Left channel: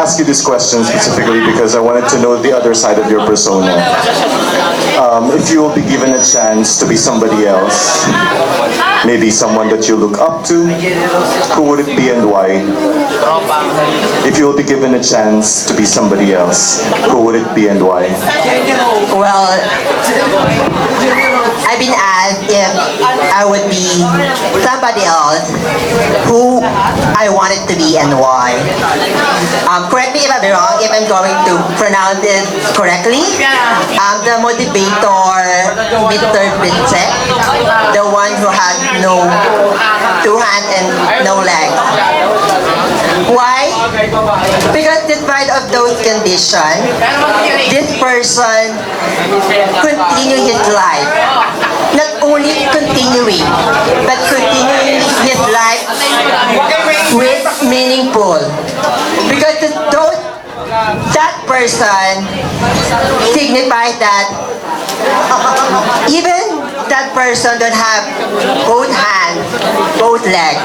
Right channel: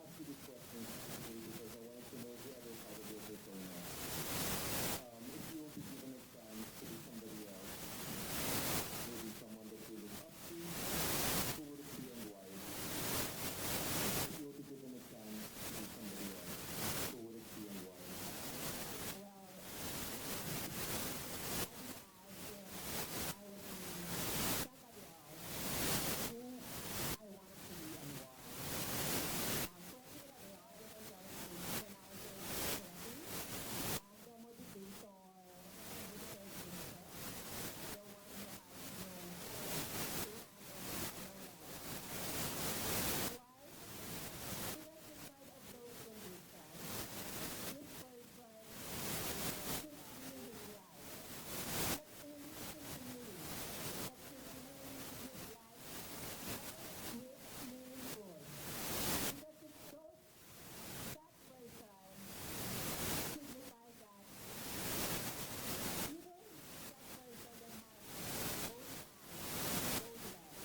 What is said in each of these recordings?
Ask you this question specifically because I wanted to know the other side of your persona. If you will be given a chance to be somebody else, maybe someone that you look up to, who would it be and why? If you will be given a chance to be somebody else, who would it be and why? Well, I've been asked if I would be somebody else, who I wanted to be and why. Correct me if I'm wrong, if I'm going to pronounce it correctly. The motivator, Mr. BPEX, the one who has no two hands and no legs. Why? Because despite of those conditions, this person continued his life. Not only continuing, but continuing his life with meaningful. Because that person signifies that even that person don't have both hands, both legs,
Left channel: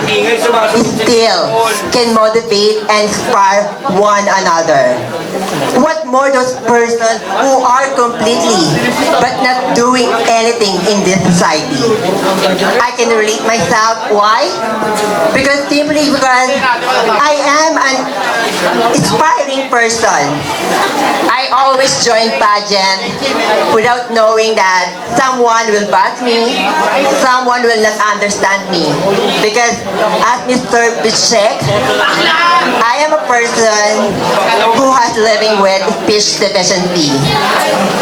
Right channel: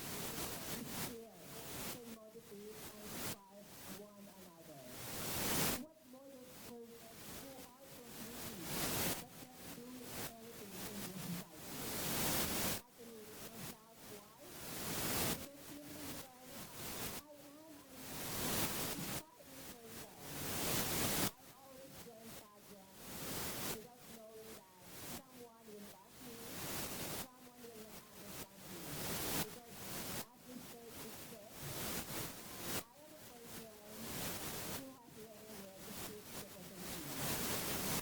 still can motivate and inspire one another. What more those persons who are completely but not doing anything in this society? I can relate myself. Why? Simply because I am an inspiring person. I always join pageant without knowing that someone will back me, someone will not understand me. Because as Mr. BPEX, I am a person who has living with speech deficiency.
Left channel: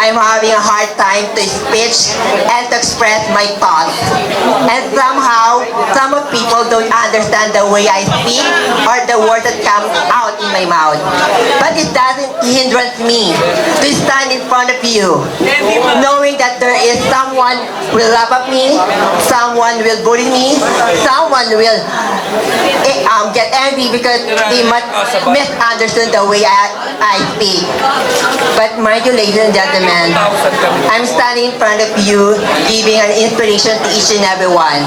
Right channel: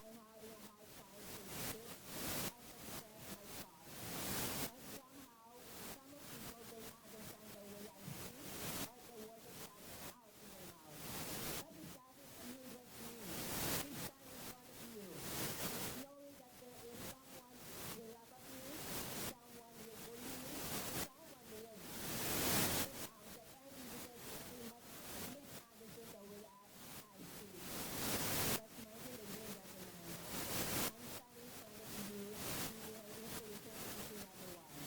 I'm having a hard time to speech and to express my thoughts. And somehow, some of people don't understand the way I speak or the words that come out in my mouth. But it doesn't hinder me to stand in front of you, knowing that there is someone will laugh at me, someone will bully me, someone will get angry because they must misunderstand the way I speak. But mind you, ladies and gentlemen, I'm standing in front of you, giving an inspiration to each and every one.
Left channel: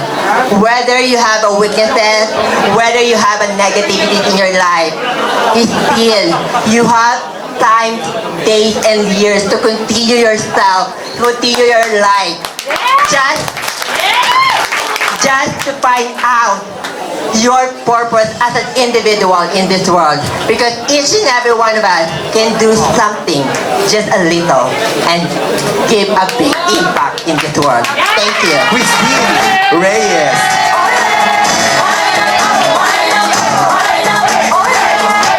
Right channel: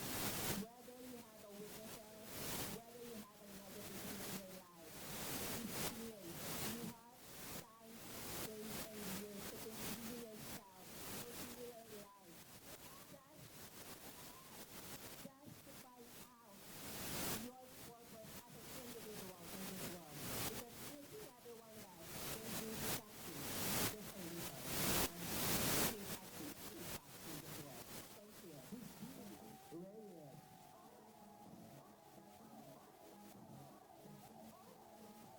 Whether you have a weaknesses, whether you have a negativity in your life, still you have time, days, and years to continue yourself, to continue your life. Just to find out your purpose as an individual in this world. Because each and every one of us can do something, just a little, and give a big impact in this world. Thank you. Christine Reyes.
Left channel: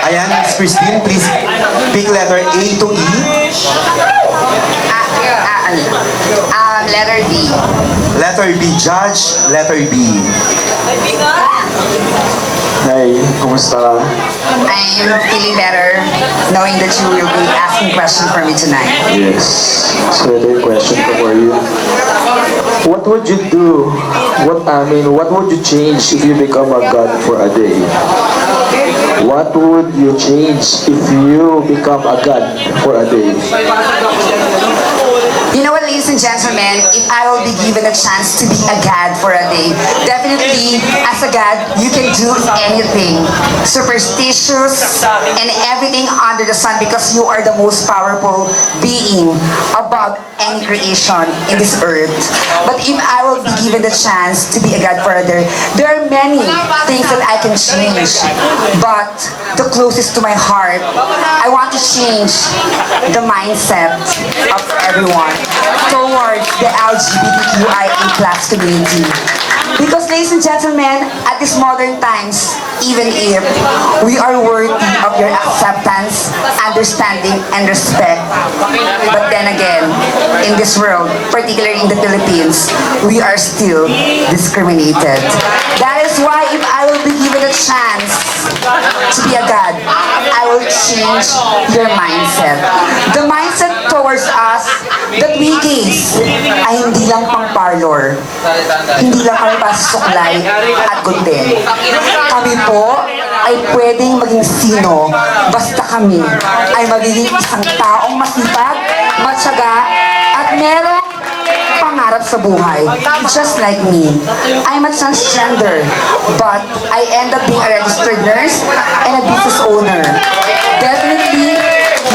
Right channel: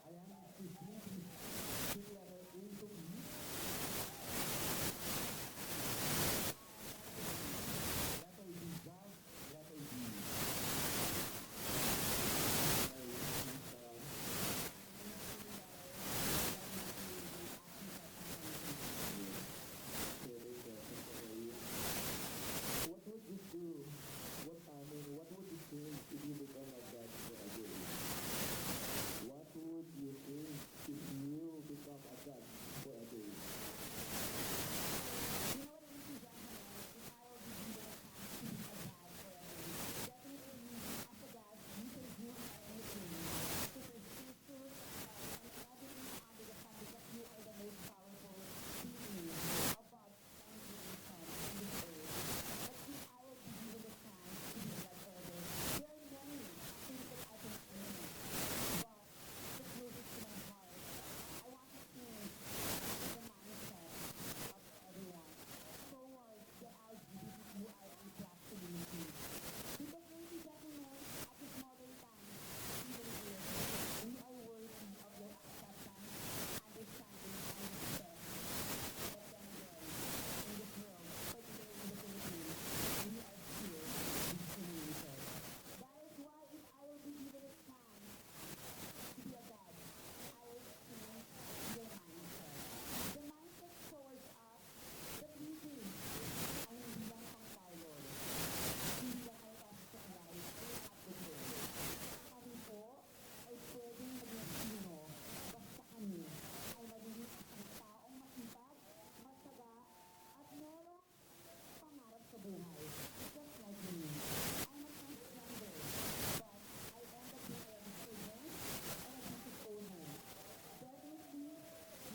Ayan, Miss Christine, please pick letter A to E. Letter B. Letter B, Judge. Letter B. Hi, kumusta? I'm feeling better knowing that you will be asking questions for me tonight. Yes. So the question for you. What would you do? What would you change if you become a god for a day? What would you change if you become a god for a day? You know what, ladies and gentlemen, if I will be given a chance to be a god for a day, definitely, as a god, you can do anything. Superstitious and everything under the sun because you are the most powerful being above any creation in this earth. But if I will be given the chance to be a god for a day, there are many things that I can change. But the closest to my heart, I want to change the mindset of everyone towards the LGBTQIA+ community. Because, ladies and gentlemen, at these modern times, even if we are worthy of your acceptance, understanding, and respect, but then again, in this world, particularly in the Philippines, we are still discriminated. That is why if I will be given a chance to be a God, I will change your mindset. The mindset towards us that we gays ay hindi lang pang parlor. Hindi lang kami pasuklay at content. Kami po ay pwedeng maging sino basta kami ay magiging isang taong masipag, matyaga, at merong pangarap sa buhay. Just like me. I'm a transgender, but I end up being a registered nurse and a business owner. Definitely,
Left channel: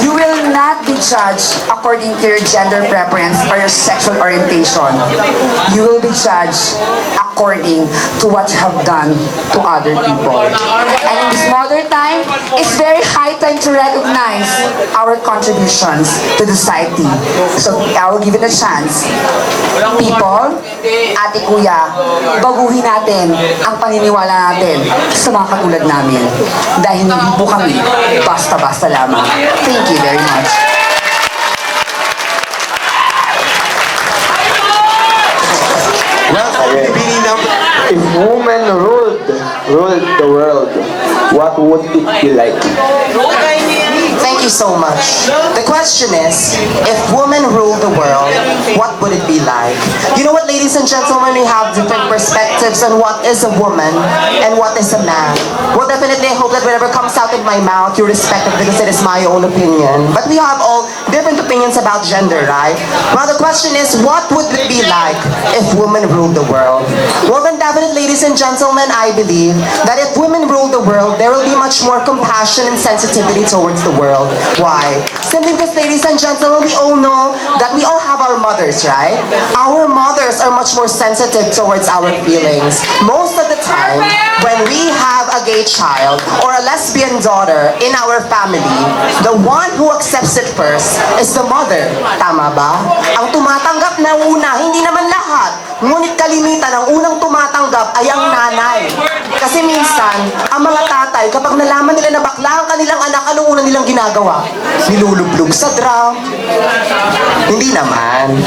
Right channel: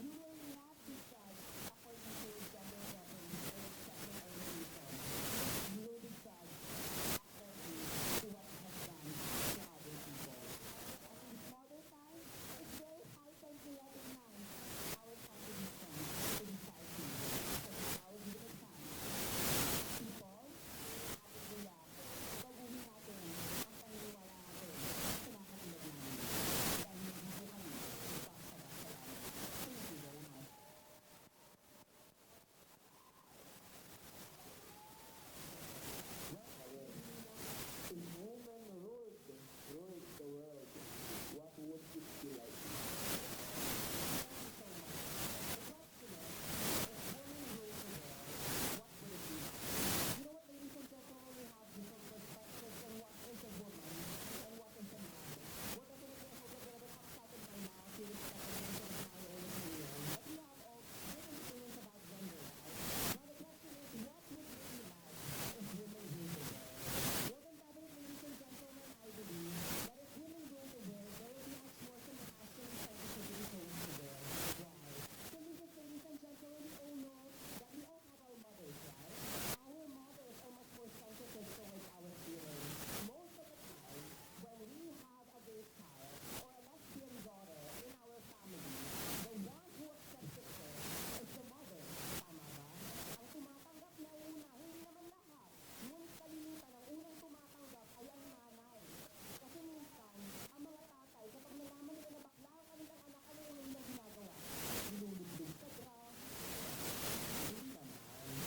you will not be judged according to your gender preference or your sexual orientation. You will be judged according to what you have done to other people. And in this modern time, it's very high time to recognize our contributions to the society. So I will give it a chance. People, ate kuya, baguhin natin ang paniniwala natin sa mga katulad namin. Dahil hindi po kami basta-basta lamang. Thank you very much. Well, bibili ng If women ruled the world, what would it be like? Thank you so much. The question is, if women ruled the world, what would it be like? You know what, ladies and gentlemen, we have different perspectives on what is a woman and what is a man. Well, definitely, I hope that whatever comes out of my mouth, you respect it because it is my own opinion. But we have all different opinions about gender, right? Well, the question is, what would it be like if women ruled the world? Well, then definitely, ladies and gentlemen, I believe that if women rule the world, there will be much more compassion and sensitivity towards the world. Why? Simply because, ladies and gentlemen, we all know that we all have our mothers, right? Our mothers are much more sensitive towards our feelings. Most of the time, when we have a gay child or a lesbian daughter in our family, the one who accepts it first is the mother. Tama ba? Ang tumatanggap na una, hindi naman lahat. Ngunit kalimitan, ang unang tumatanggap ay ang nanay. Kasi minsan, ang mga tatay, kapag nalaman nila na bakla ang kanilang anak, anong una nilang ginagawa? Nilulublog sa drum. Hindi naman.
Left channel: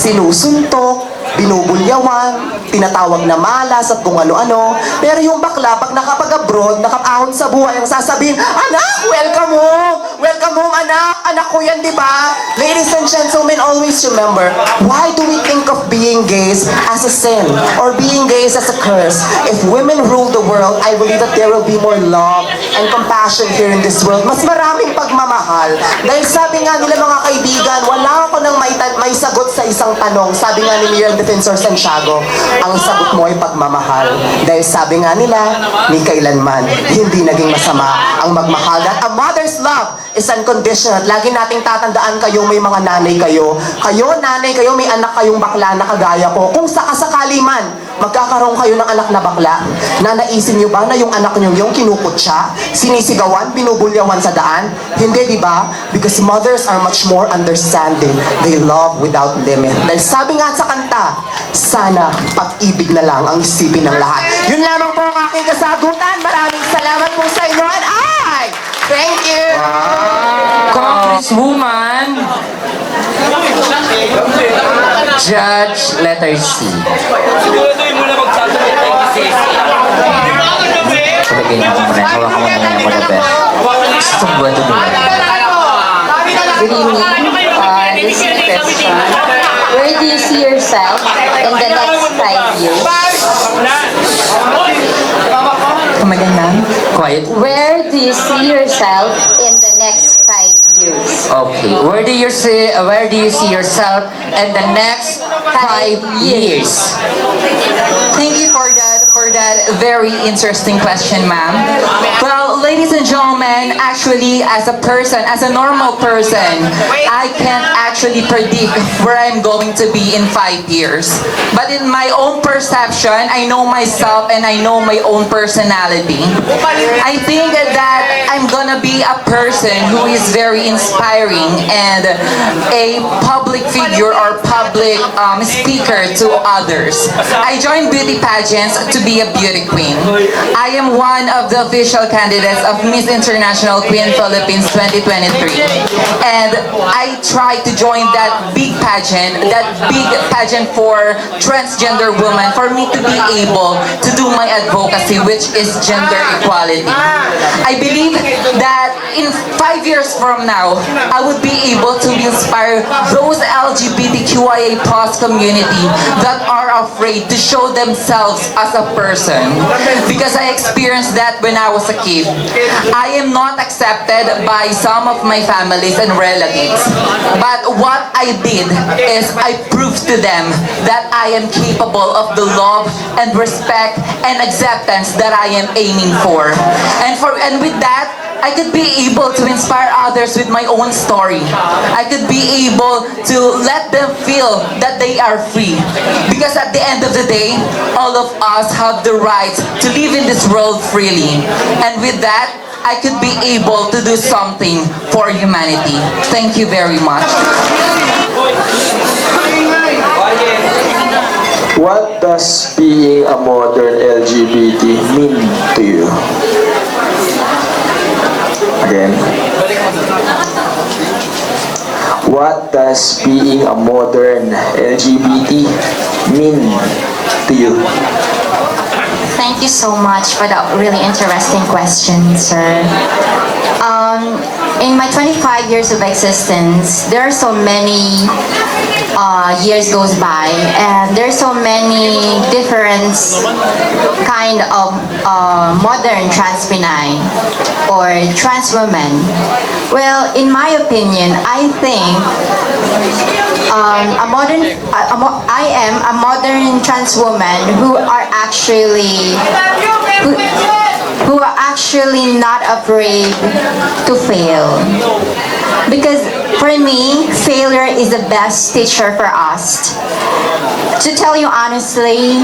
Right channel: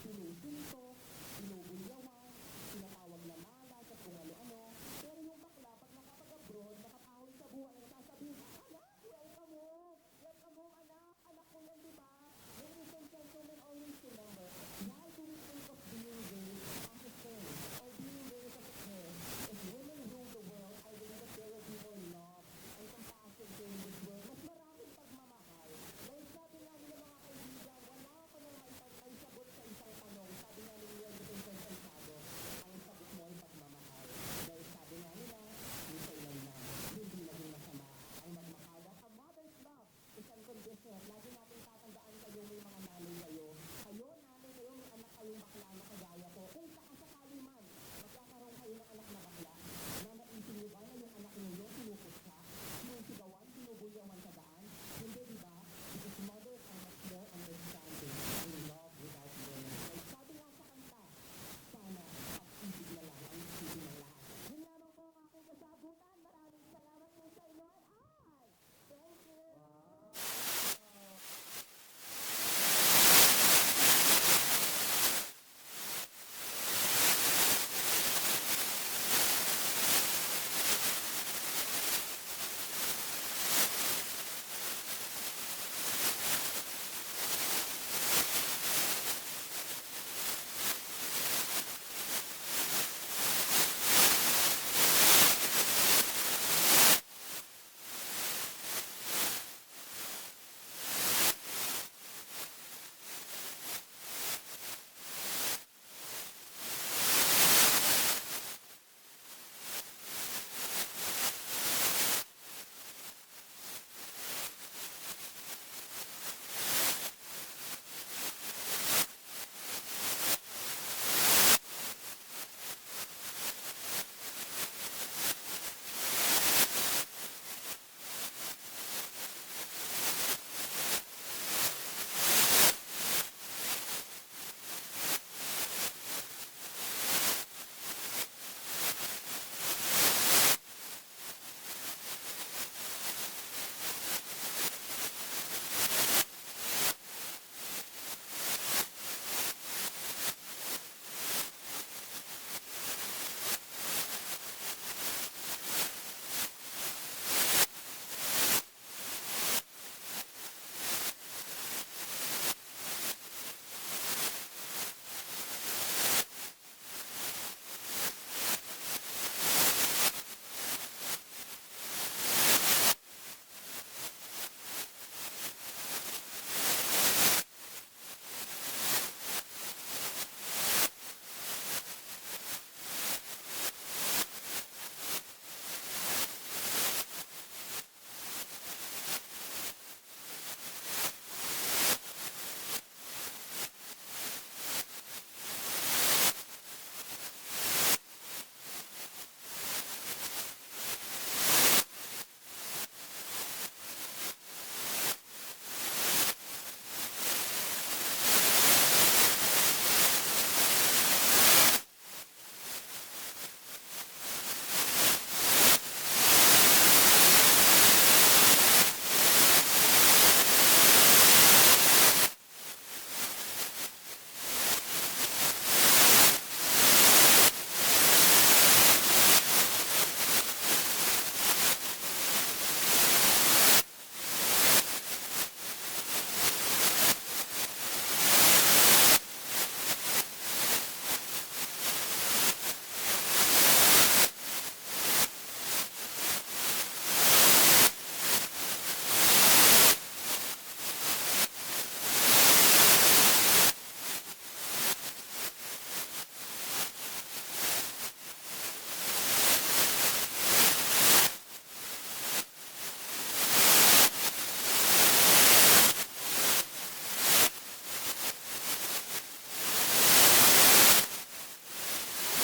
Sinusuntok, binubulyawan, tinatawag na malas at kung ano-ano. Pero yung bakla, pag nakapag-abroad, nakapahon sa buhay, ang sasabihin, anak, welcome home! Welcome home, anak! Anak ko yan, di ba? Ladies and gentlemen, always remember, why do we think of being gays as a sin? Or being gays as a curse? If women rule the world, I believe that there will be more love and compassion here in this world. Mas maraming pagmamahal. Dahil sabi nga nila mga kaibigan, wala ako nang may sagot sa isang tanong. Sabi nga ni Mayor Defensor Santiago, ang sagot mo ay pagmamahal. Dahil sabi nga nila, ni kailanman, hindi naging masama ang magmahal. That a mother's love is unconditional. Lagi nating tatandaan kayo, may mga nanay kayo. Kayo, nanay kayo, may anak kayong bakla na kagaya ko. Kung sakasakali man, magkakaroon kayo ng anak na bakla, nanaisin niyo ba na yung anak niyo yung kinukutsa, sinisigawan, binubulyawan sa daan? Hindi, di ba? Because mothers are much more understanding. They love without limit. Dahil sabi nga sa kanta, sana pag-ibig na lang ang isipin ng lahat. Yun lamang po ang aking kasagutan. Maraming salamat po sa inyo and I thank you! Congresswoman, Judge letter C. Sabagay na ko muna. Hawa ka muna ngayon ko na best. Gusto mo ba ito doon? Good evening. This is the question. Where do you see yourself in the next 5 years? Come again, ma'am? Quiet. Where do you see yourself in the next 5 years? Okay. Where do you see yourself in the next 5 years? Thank you for that very interesting question, ma'am. Well, ladies and gentlemen, actually, as a normal person, I can't actually predict where I'm going to be in 5 years. But in my own perception, I know myself and I know my own personality. I think that I'm gonna be a person who is very inspiring and a public figure or public speaker to others. I joined beauty pageants to be a beauty queen. I am one of the official candidates of Miss International Queen Philippines 2023. And I tried to join that big pageant for transgender women, for me to be able to do my advocacy, which is gender equality. I believe that in 5 years from now, I would be able to inspire those LGBTQIA+ community that are afraid to show themselves as a person. Because I experienced that when I was a kid. I am not accepted by some of my families and relatives. But what I did is I proved to them that I am capable of the love and respect and acceptance that I am aiming for. And with that, I could be able to inspire others with my own story. I could be able to let them feel that they are free. Because at the end of the day, all of us have the right to live in this world freely. And with that, I could be able to do something for humanity. Thank you very much. What does being a modern LGBT mean to you? Again. What does being a modern LGBT mean to you? Thank you so much for that really interesting question, sir. In my 25 years of existence, there are so many years goes by, and there's so many different kind of modern trans benign or trans women. Well, in my opinion, I think I am a modern trans woman who are actually not afraid to fail. Because for me, failure is the best teacher for us. To tell you honestly,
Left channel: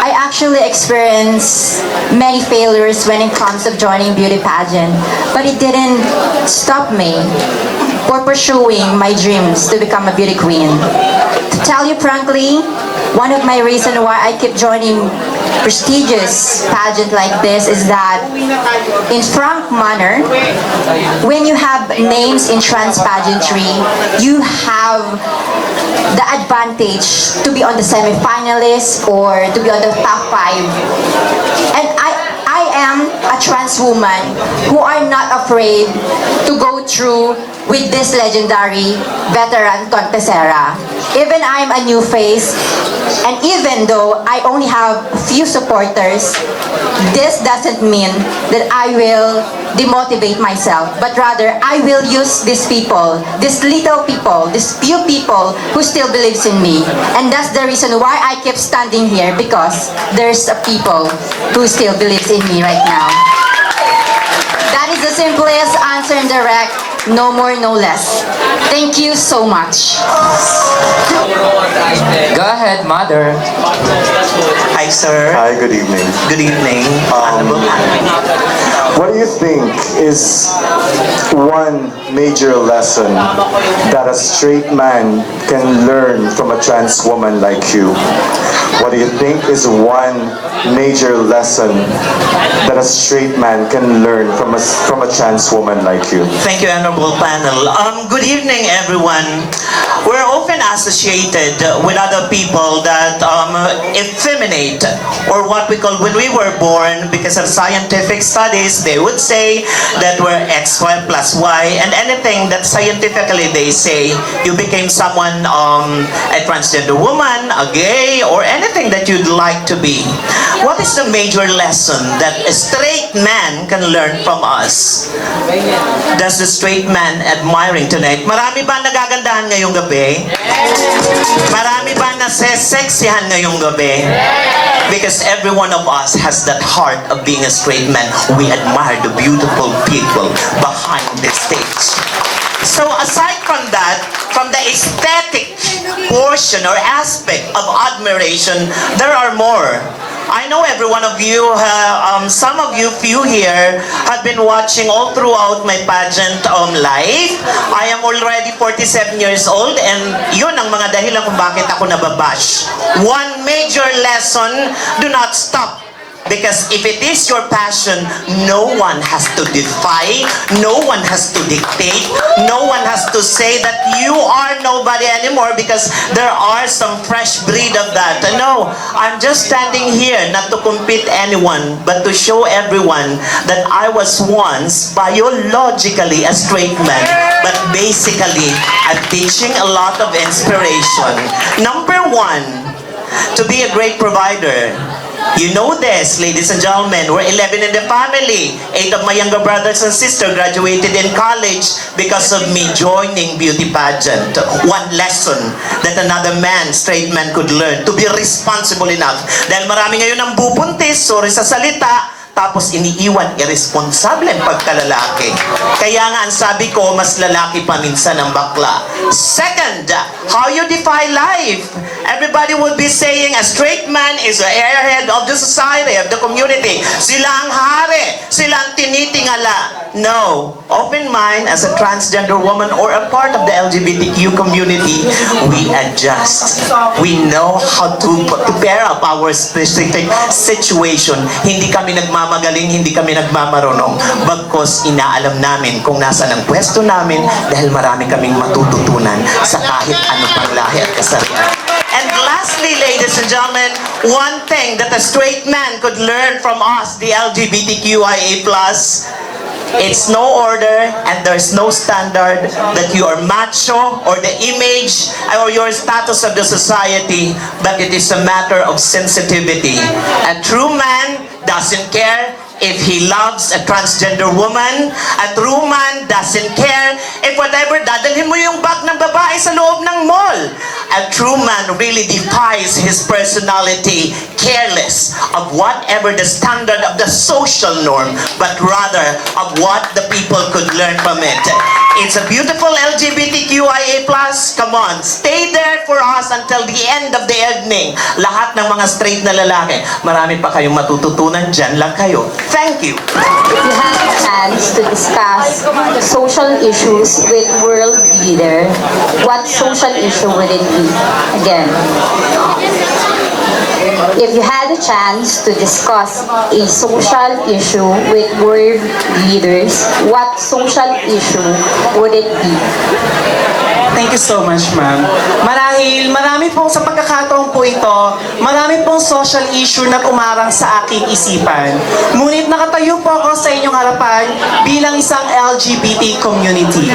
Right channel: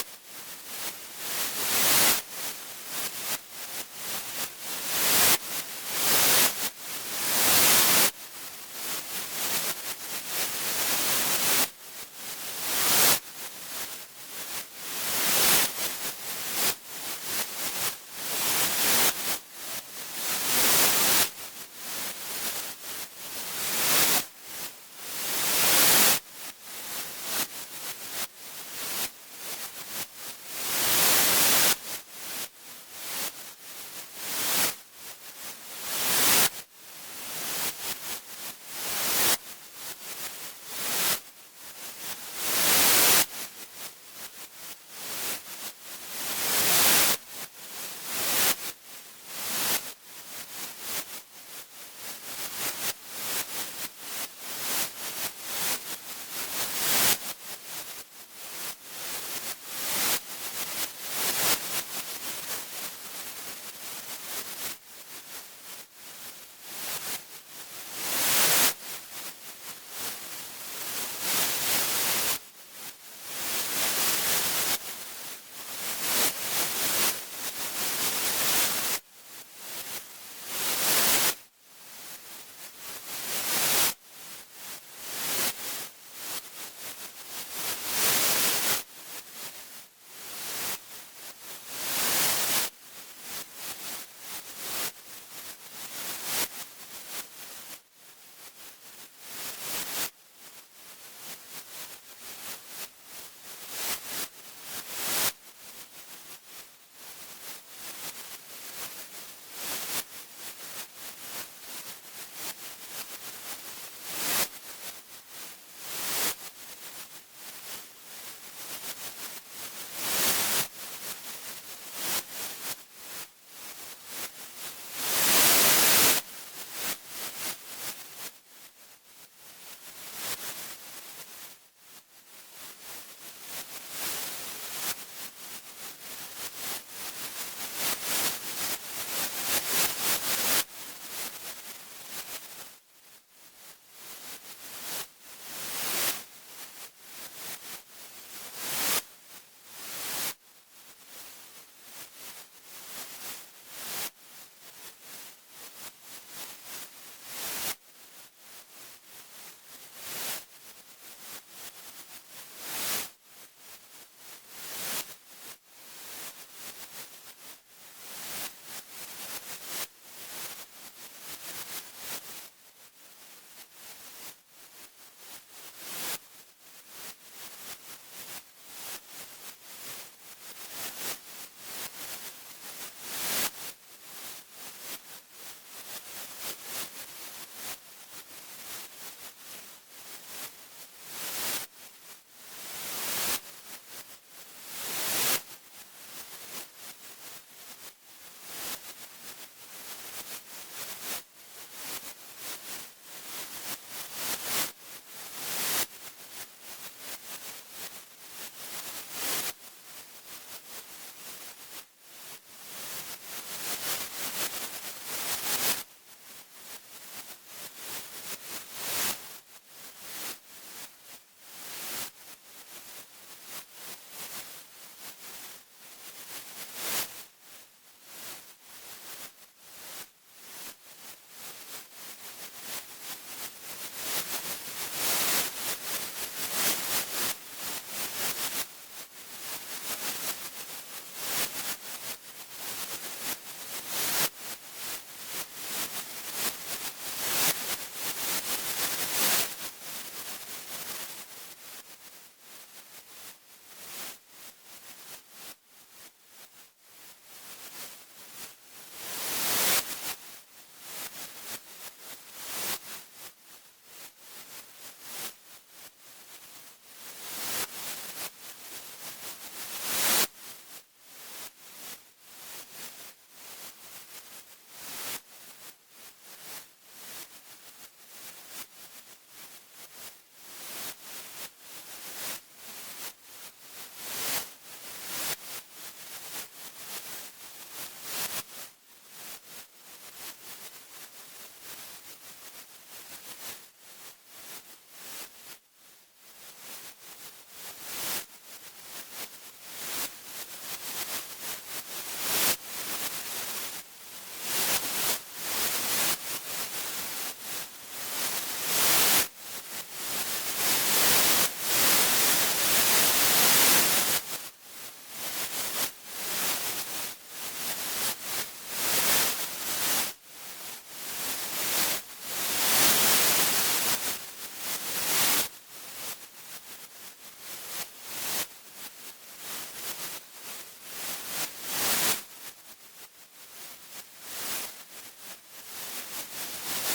I actually experienced many failures when it comes to joining beauty pageant, but it didn't stop me for pursuing my dreams to become a beauty queen. To tell you frankly, one of my reasons why I keep joining prestigious pageant like this is that in frank manner, when you have names in trans pageantry, you have the advantage to be on the semi-finalists or to be on the top 5. And I am a trans woman who are not afraid to go through with this legendary veteran contestera. Even I'm a new face, and even though I only have few supporters, this doesn't mean that I will demotivate myself, but rather I will use these people, these little people, these few people who still believes in me. And that's the reason why I keep standing here, because there's a people who still believes in me right now. That is the simplest answer and direct, no more, no less. Thank you so much. Go ahead, mother. Hi, sir. Hi, good evening. Good evening. What do you think is one major lesson that a straight man can learn from a trans woman like you? What do you think is one major lesson that a straight man can learn from a trans woman like you? Thank you, honorable panel. Good evening, everyone. We're often associated with other people that effeminate, or what we call when we were born, because of scientific studies, they would say that we're XY plus Y, and anything that scientifically they say, you became someone a transgender woman, a gay, or anything that you'd like to be, what is the major lesson that a straight man can learn from us? Does the straight man admiring tonight? Marami ba nagagandahan ngayong gabi? Marami ba naseseksihan ngayong gabi? Because every one of us has that heart of being a straight man. We admire the beautiful people behind the stage. So aside from that, from the aesthetic portion or aspect of admiration, there are more. I know every one of you, some of you few here, have been watching all throughout my pageant life. I am already 47 years old, and yun ang mga dahilan kung bakit ako nababash. One major lesson, do not stop. Because if it is your passion, no one has to defy, no one has to dictate, no one has to say that you are nobody anymore because there are some fresh breed of that. No, I'm just standing here not to compete anyone, but to show everyone that I was once biologically a straight man, but basically I'm teaching a lot of inspiration. Number one, to be a great provider. You know this, ladies and gentlemen, we're 11 in the family. 8 of my younger brothers and sisters graduated in college because of me joining beauty pageant. One lesson that another man, straight man, could learn, to be responsible enough. Dahil marami ngayon ang bubuntis, sorry sa salita, tapos iniiwan irresponsible ang pagkalalaki. Kaya nga ang sabi ko, mas lalaki pa minsan ang bakla. Second, how you define life. Everybody would be saying a straight man is the airhead of the society, of the community. Sila ang hari, sila ang tinitingala. No, open mind as a transgender woman or a part of the LGBTQ community, we adjust. We know how to pair up our specific situation. Hindi kami nagmamagaling, hindi kami nagmamarunong. Bagkos inaalam namin kung nasaan ang pwesto namin dahil marami kaming matututunan sa kahit ano pang lahi at kasarian. And lastly, ladies and gentlemen, one thing that a straight man could learn from us, the LGBTQIA+, it's no order and there's no standard that you are macho or the image or your status of the society, but it is a matter of sensitivity. A true man doesn't care if he loves a transgender woman. A true man doesn't care if whatever, dadalhin mo yung bag ng babae sa loob ng mall. A true man really defies his personality, careless of whatever the standard of the social norm, but rather of what the people could learn from it. It's a beautiful LGBTQIA+. Come on, stay there for us until the end of the evening. Lahat ng mga straight na lalaki, marami pa kayong matututunan, dyan lang kayo. Thank you. If you have a chance to discuss social issues with world leader, what social issue would it be? Again. If you had a chance to discuss a social issue with world leaders, what social issue would it be? Thank you so much, ma'am. Marahil, marami pong sa pagkakataon po ito, marami pong social issue na umarang sa aking isipan. Ngunit nakatayo po ako sa inyong harapan bilang isang LGBT community.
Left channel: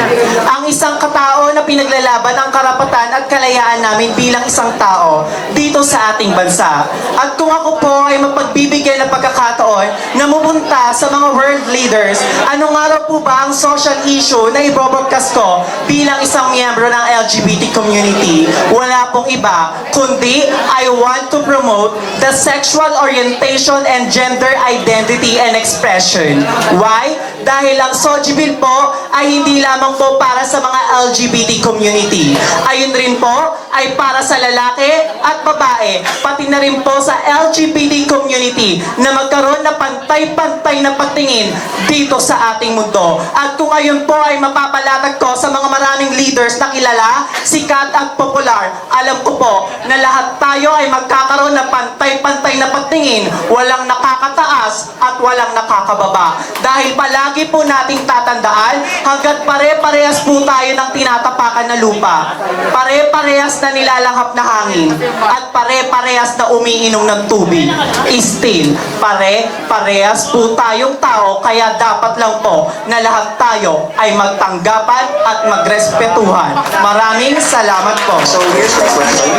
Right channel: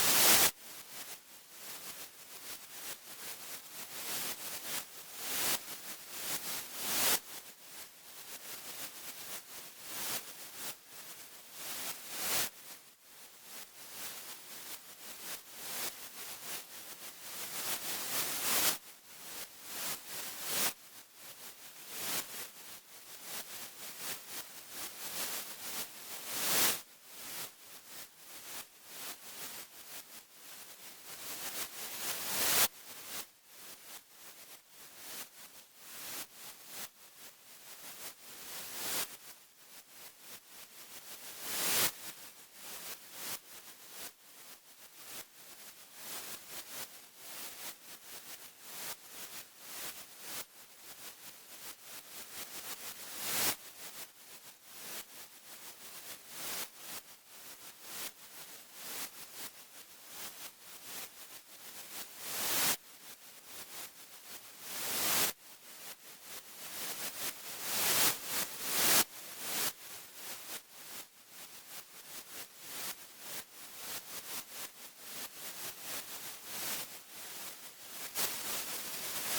Ang isang katao na pinaglalaban ang karapatan at kalayaan namin bilang isang tao dito sa ating bansa. At kung ako po ay mapagbibigyan ng pagkakataon na mupunta sa mga world leaders, anong araw po ba ang social issue na i-broadcast ko bilang isang miyembro ng LGBT community? Wala pong iba, kundi I want to promote the sexual orientation and gender identity and expression. Why? Dahil ang SOGIBIL po ay hindi lamang po para sa mga LGBT community. Ayun rin po ay para sa lalaki at babae, pati na rin po sa LGBT community na magkaroon ng pantay-pantay na pagtingin dito sa ating mundo. At kung ayun po ay mapapalatag ko sa mga maraming leaders na kilala, sikat at popular, alam ko po na lahat tayo ay magkakaroon ng pantay-pantay na pagtingin, walang nakakataas at walang nakakababa. Dahil palagi po nating tatandaan, hanggat pare-parehas po tayo ng tinatapakan na lupa, pare-parehas na nilalanghap na hangin, at pare-parehas na umiinom ng tubig. Still, pare-parehas po tayong tao, kaya dapat lang po na lahat tayo ay magtanggapan at magrespetuhan. Maraming salamat po. So here's my question.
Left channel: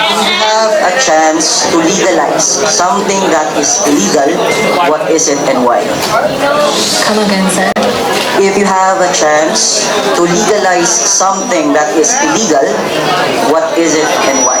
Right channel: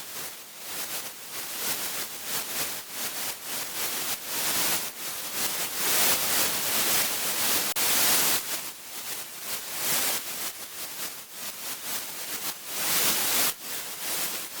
If you have a chance to legalize something that is illegal, what is it and why? Come again, sir. If you have a chance to legalize something that is illegal, what is it and why?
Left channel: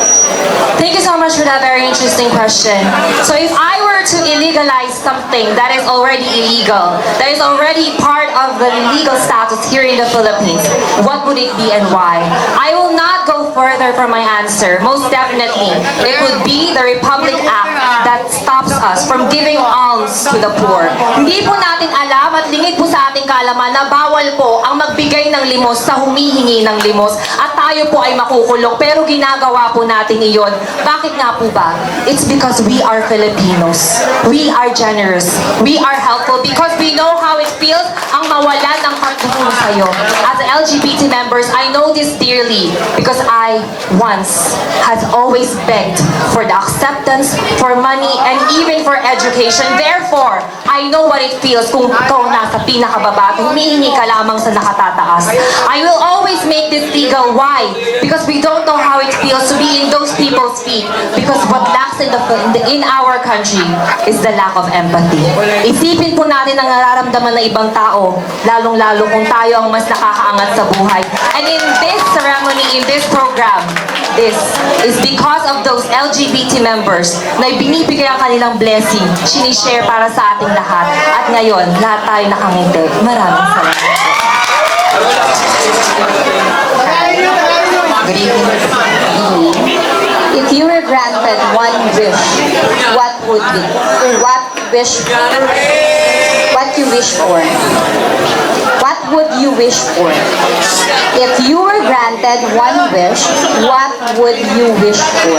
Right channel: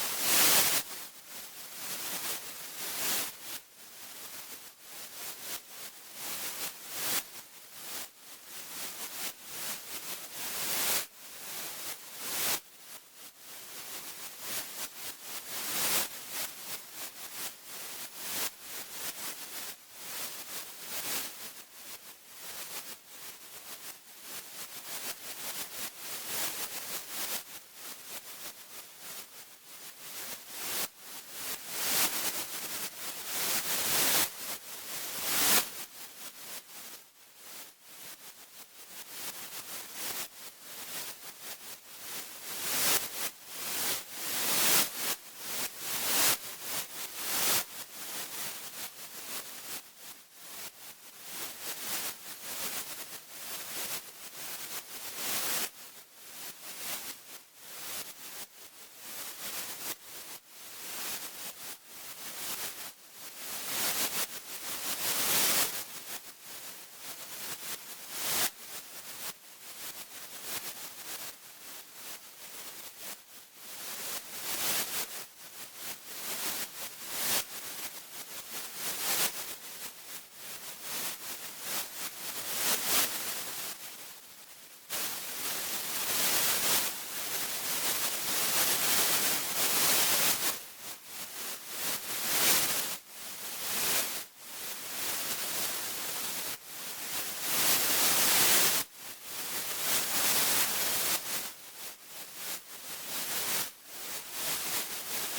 Thank you so much for that very interesting question. So if I were to illegalize something that is already illegal, that is already part of the legal status here in the Philippines, what would it be and why? I will not go further for my answer. Most definitely, it would be the Republic Act that stops us from giving alms to the poor. Hindi po natin alam at lingid po sa ating kaalaman na bawal po ang magbigay ng limos sa humihingi ng limos at tayo po ay makukulong, pero ginagawa po natin iyon. Bakit nga po ba? It's because we are Filipinos. We are generous. We are helpful because we know how it feels ang mawalan ng pagtulong sa'yo. As LGBT members, I know this dearly because I once has always begged for the acceptance, for money, and even for education. Therefore, I know what it feels kung ikaw nasa pinakababa, kung humihingi ka lamang sa nakatataas. I will always make this legal. Why? Because we don't know how it feels to be in those people's feet. Because what lacks in our country is the lack of empathy. Isipin po natin ang nararamdaman ng ibang tao, lalong-lalo kung tayo ang mas nakakaangat sa buhay. And in this ceremony, in this program, this is because of those LGBT members na binibigay ang kanilang blessing, sinishare para sa ating lahat. At ngayon, lahat tayo nakangiti. Maraming salamat. Good evening. If you were granted one wish, what would you? What you wish for? What would you wish for? If you were granted one wish, what would you wish for?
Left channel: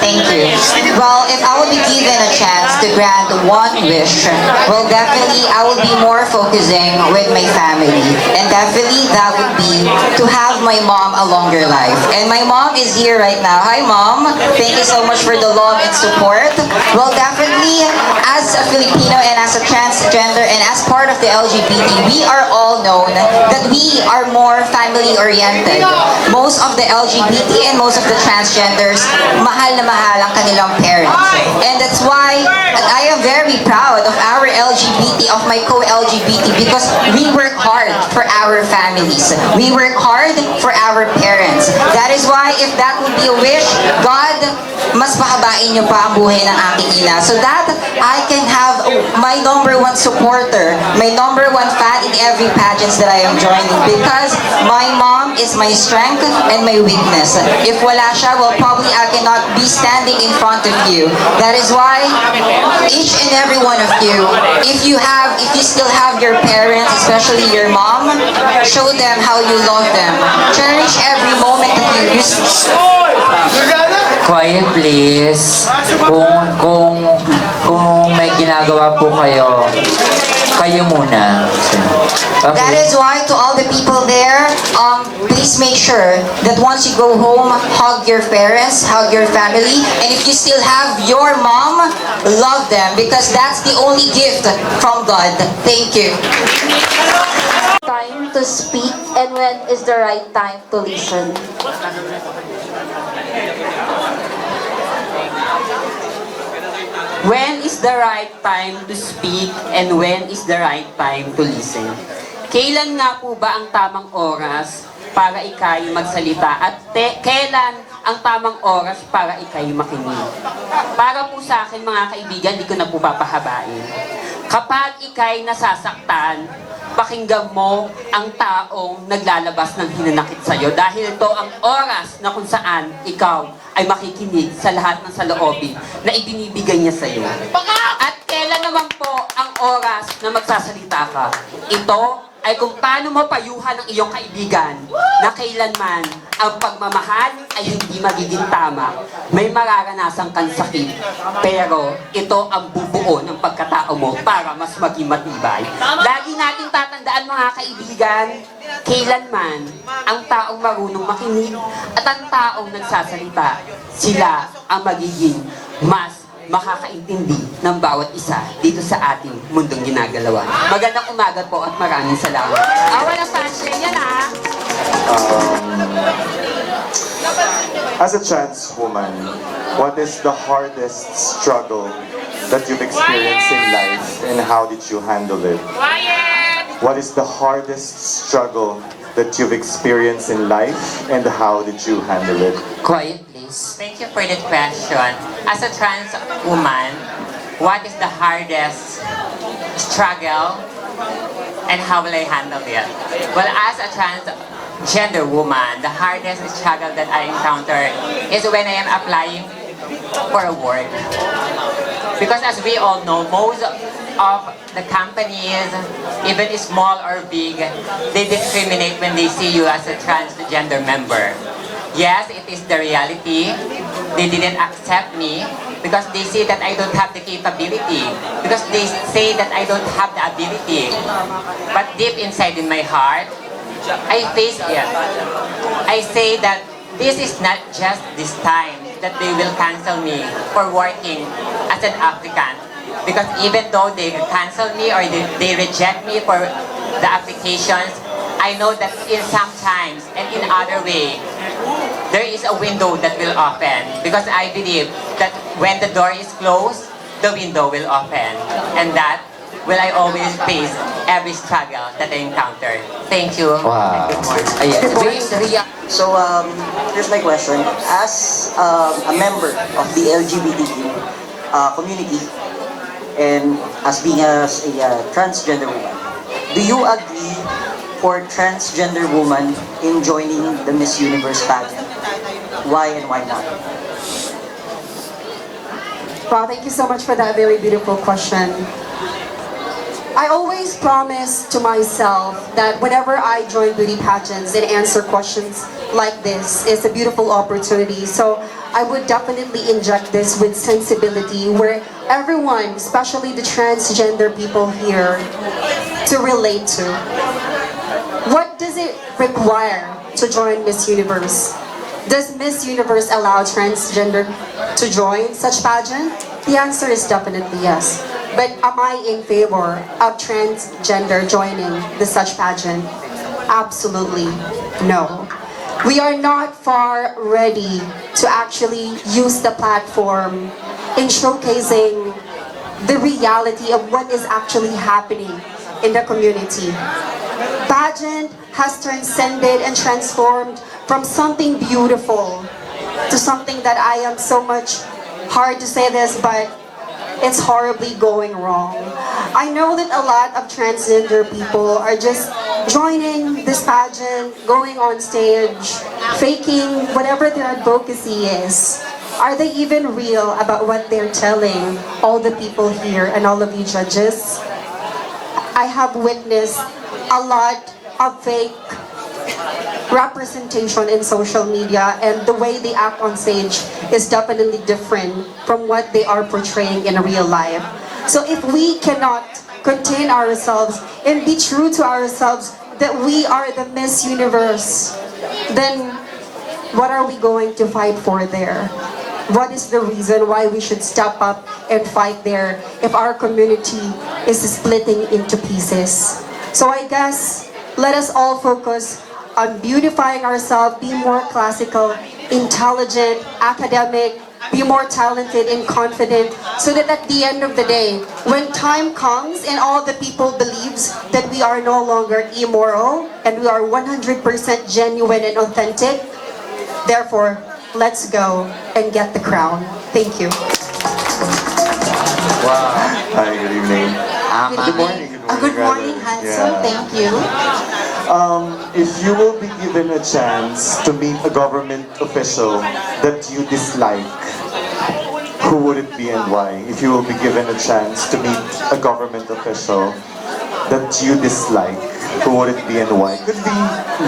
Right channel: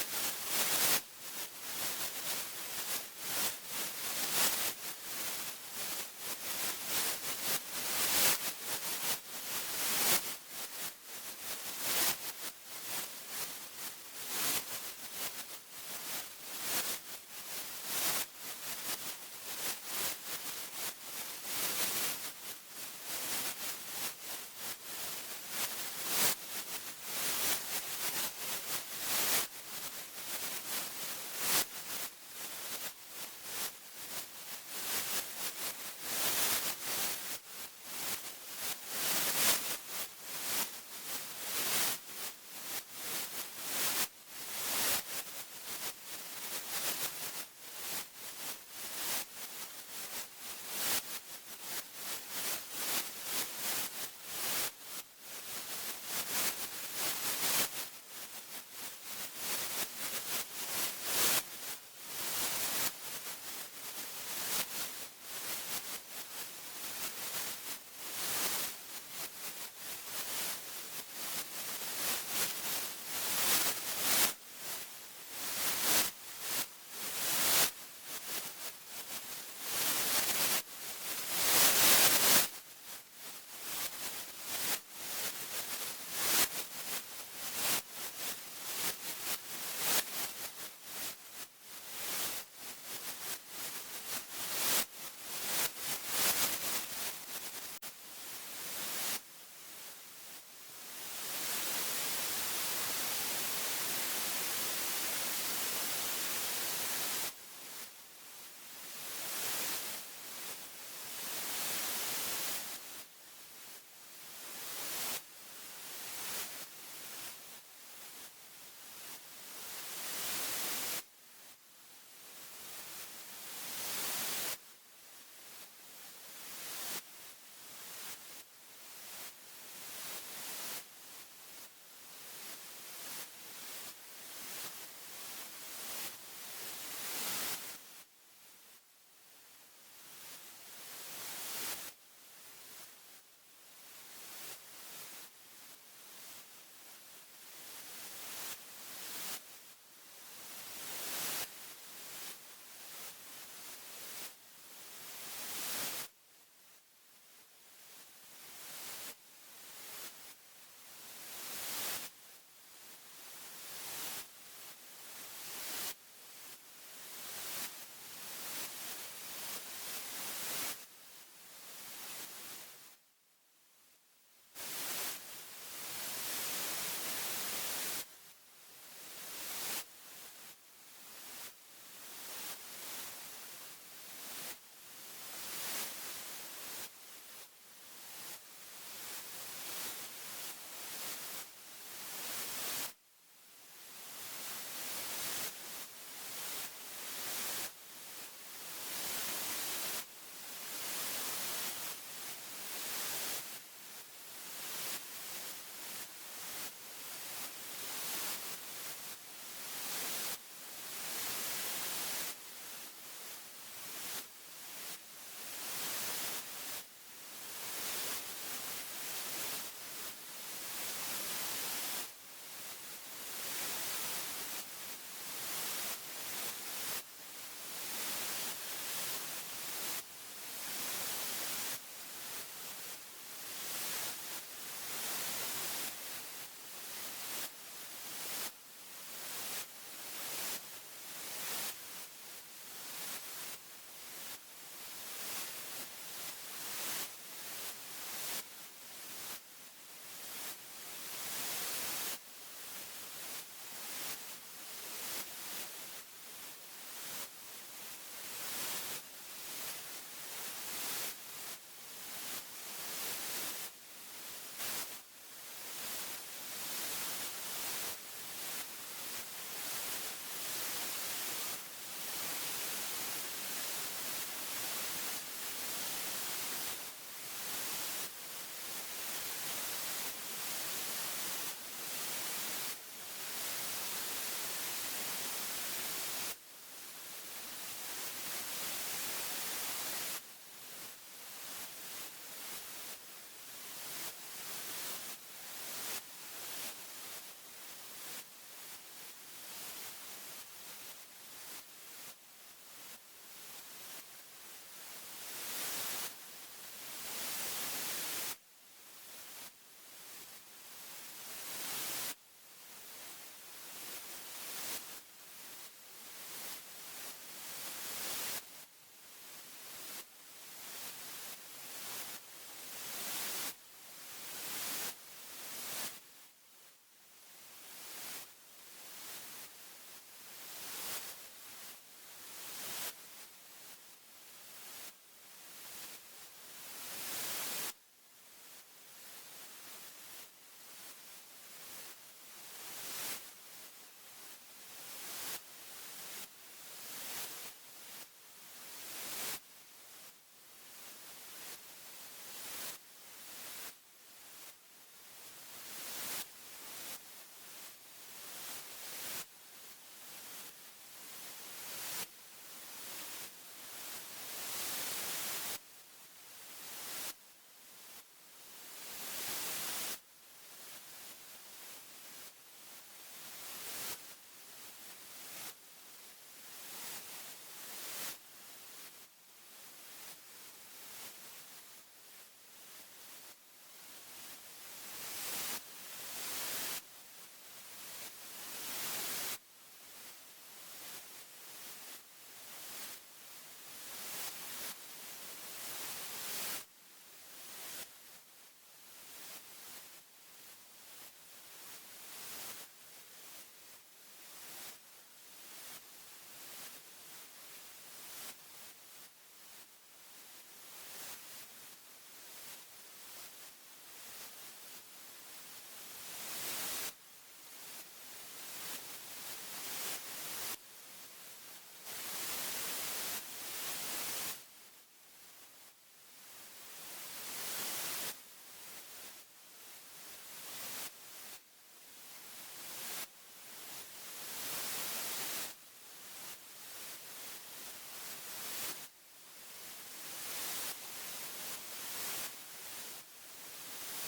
Thank you. Well, if I would be given a chance to grant one wish, well, definitely I would be more focusing with my family. And definitely that would be to have my mom a longer life. And my mom is here right now. Hi, Mom. Thank you so much for the love and support. Well, definitely, as a Filipino and as a transgender and as part of the LGBT, we are all known that we are more family-oriented. Most of the LGBT and most of the transgenders, mahal na mahal ang kanilang parents. And that's why I am very proud of our LGBT, of my co-LGBT, because we work hard for our families. We work hard for our parents. That is why if that would be a wish, God, mas pahabain niyo pa ang buhay ng aking ina so that I can have my number one supporter, my number one fan in every pageants that I am joining, because my mom is my strength and my weakness. If wala siya, well, probably I cannot be standing in front of you. That is why each and every one of you, if you still have your parents, especially your mom, show them how you love them. Cherish every moment that you use. Quiet please. Kung may ginagawa po kayo, kayo muna. Okay. That is why to all the people there, please make sure that once you go home, hug your parents, hug your family, and if you still have your mom, love them because that's the only gift from God. Thank you. Time to speak and when is the right time to listen? When is the right time to speak and when is the right time to listen? Kailan nga po ba ang tamang oras para ikay magsalita at kailan ang tamang oras para ikay makinig? Para po sa akin mga kaibigan, di ko na po papahabain. Kapag ikay nasasaktan, pakinggan mo ang taong naglalabas ng hinanakit sa'yo dahil ito ang oras na kung saan ikaw ay makikinig sa lahat ng saloobin na ibinibigay niya sa'yo. At kailan naman po ang oras na magsasalita ka? Ito ay kung paano mo payuhan ang iyong kaibigan na kailanman ang pagmamahal ay hindi magiging tama. May mararanasang kang sakit, pero ito ang bubuo ng pagkatao mo para mas maging matibay. Lagi nating tatandaan mga kaibigan, kailanman ang taong marunong makinig at ang taong nagsasalita, sila ang magiging mas makakaintindi ng bawat isa dito sa ating mundong ginagalawan. Magandang umaga po at maraming salamat. Walang pansin yan As a trans woman, what is the hardest struggle that you've experienced in life and how did you handle it? What is the hardest struggle that you've experienced in life and how did you handle it? Quiet, please. Thank you for that question. As a trans woman, what is the hardest struggle and how will I handle it? Well, as a transgender woman, the hardest struggle that I encounter is when I am applying for a work. Because as we all know, most of the companies, even small or big, they discriminate when they see you as a transgender member. Yes, it is the reality. They didn't accept me because they say that I don't have the capability. Because they say that I don't have the ability. But deep inside in my heart, I face it. I say that this is not just this time that they will cancel me for working as an applicant. Because even though they cancel me or they reject me for the applications, I know that in some times and in other way, there is a window that will open. Because I believe that when the door is closed, the window will open. And that will I always face every struggle that I encounter. Thank you. Wow. And good morning. So, here's my question. As a member of the LGBT community, and as being a transgender woman, do you agree for transgender woman in joining the Miss Universe pageant? Why and why not? Wow, thank you so much for that very beautiful question. I always promise to myself that whenever I join beauty pageants and answer questions like this, it's a beautiful opportunity. So I would definitely inject this with sensibility where everyone, especially the transgender people here, to relate to. What does it require to join Miss Universe? Does Miss Universe allow transgender to join such pageant? The answer is definitely yes. But am I in favor of transgender joining the such pageant? Absolutely no. We are not far ready to actually use the platform in showcasing the reality of what is actually happening in the community. Pageant has transcended and transformed from something beautiful to something that I am so much, hard to say this, but it's horribly going wrong. I know that a lot of transgender people are just joining this pageant, going on stage, faking whatever their advocacy is. Are they even real about what they're telling all the people here and all of you judges? I have witnessed a lot of fake representation in social media, and the way they act on stage is definitely different from what they are portraying in real life. So if we cannot contain ourselves and be true to ourselves that we are the Miss Universe, then what are we going to fight for there? What is the reason why we should step up and fight there if our community is splitting into pieces? So I guess let us all focus on beautifying ourselves, be more classical, intelligent, academic, be more talented and confident, so that at the end of the day, when time comes and all the people believes that we are no longer immoral and we are 100% genuine and authentic, therefore, let's go and get the crown. Thank you. Wow. Hi, good evening. Good morning. Good morning, handsome. Yeah. Thank you. If you will be given a chance to meet a government official that you dislike, who would it be and why? If you will be given a chance to meet a government official that you dislike, who would it be and why? Could be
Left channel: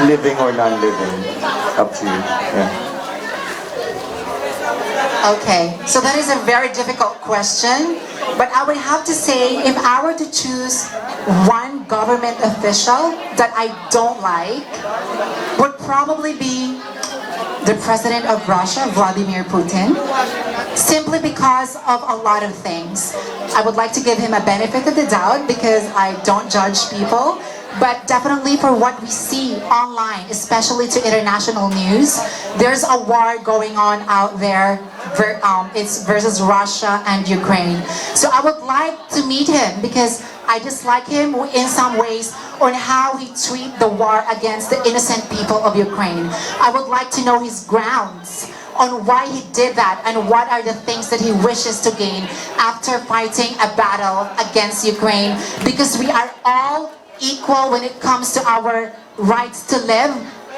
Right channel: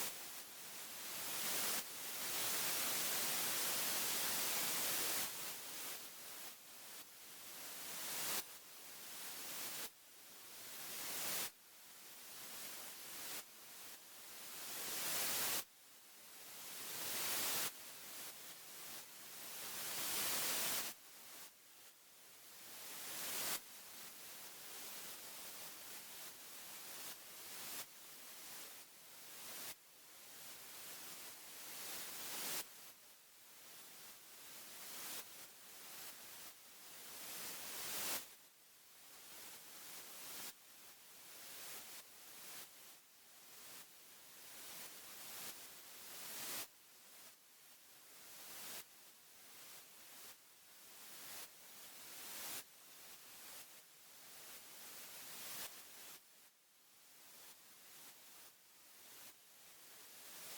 living or non-living. Up to you. Yeah. Okay, so that is a very difficult question, but I would have to say if I were to choose one government official that I don't like, would probably be the President of Russia, Vladimir Putin, simply because of a lot of things. I would like to give him a benefit of the doubt because I don't judge people, but definitely for what we see online, especially to international news, there's a war going on out there. It's versus Russia and Ukraine. So I would like to meet him because I dislike him in some ways on how he treats the war against the innocent people of Ukraine. I would like to know his grounds on why he did that and what are the things that he wishes to gain after fighting a battle against Ukraine, because we are all equal when it comes to our rights to live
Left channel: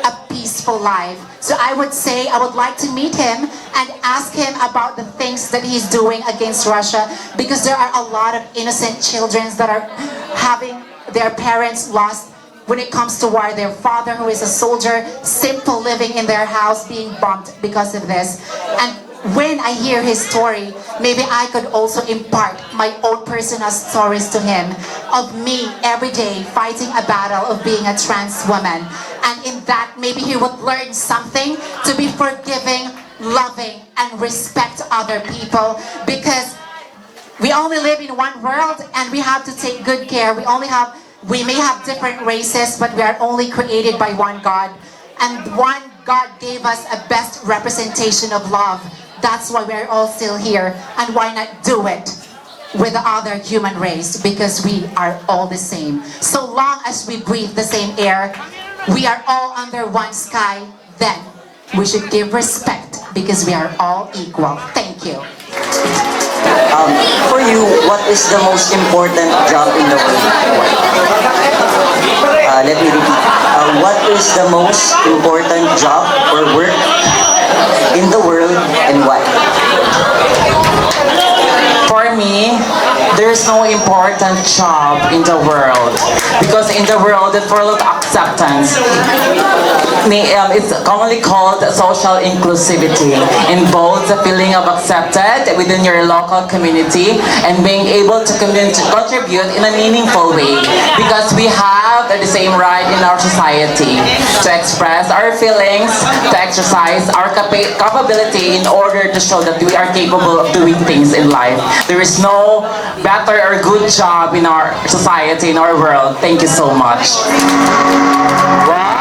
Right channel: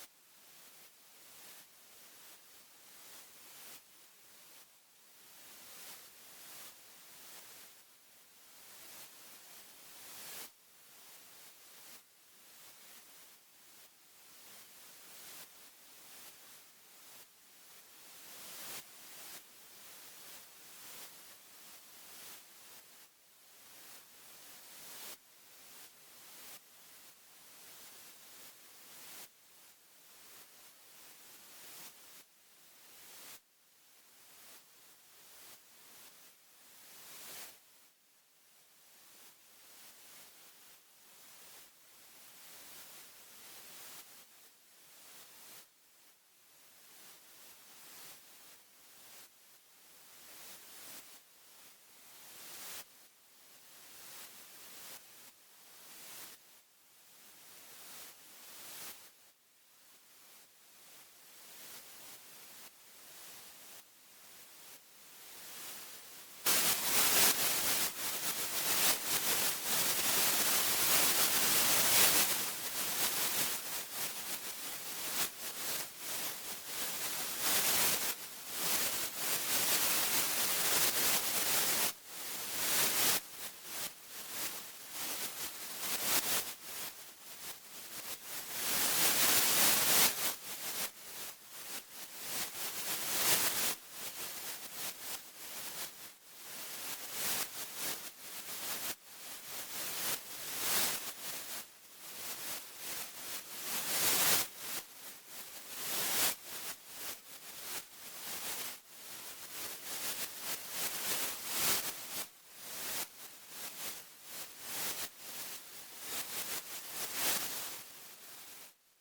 a peaceful life. So I would say I would like to meet him and ask him about the things that he's doing against Russia, because there are a lot of innocent children that are having their parents lost when it comes to war. Their father, who is a soldier, simple living in their house, being bombed because of this. And when I hear his story, maybe I could also impart my own personal stories to him of me every day fighting a battle of being a trans woman. And in that, maybe he would learn something to be forgiving, loving, and respect other people, because we only live in one world and we have to take good care. We may have different races, but we are only created by one God. And one God gave us a best representation of love. That's why we're all still here. And why not do it with the other human race? Because we are all the same. So long as we breathe the same air, we are all under one sky, then we should give respect because we are all equal. Thank you. For you, what is the most important job in the world? Let me repeat. What is the most important job or work in the world and why? For me, there's no important job in the world, because in the world, the world of acceptance, it's commonly called social inclusivity, involves the feeling of accepted within your local community and being able to contribute in a meaningful way, because we have the same right in our society to express our feelings, to exercise our capability in order to show that we are capable of doing things in life. There is no better or good job in our society, in our world. Thank you so much. Wow!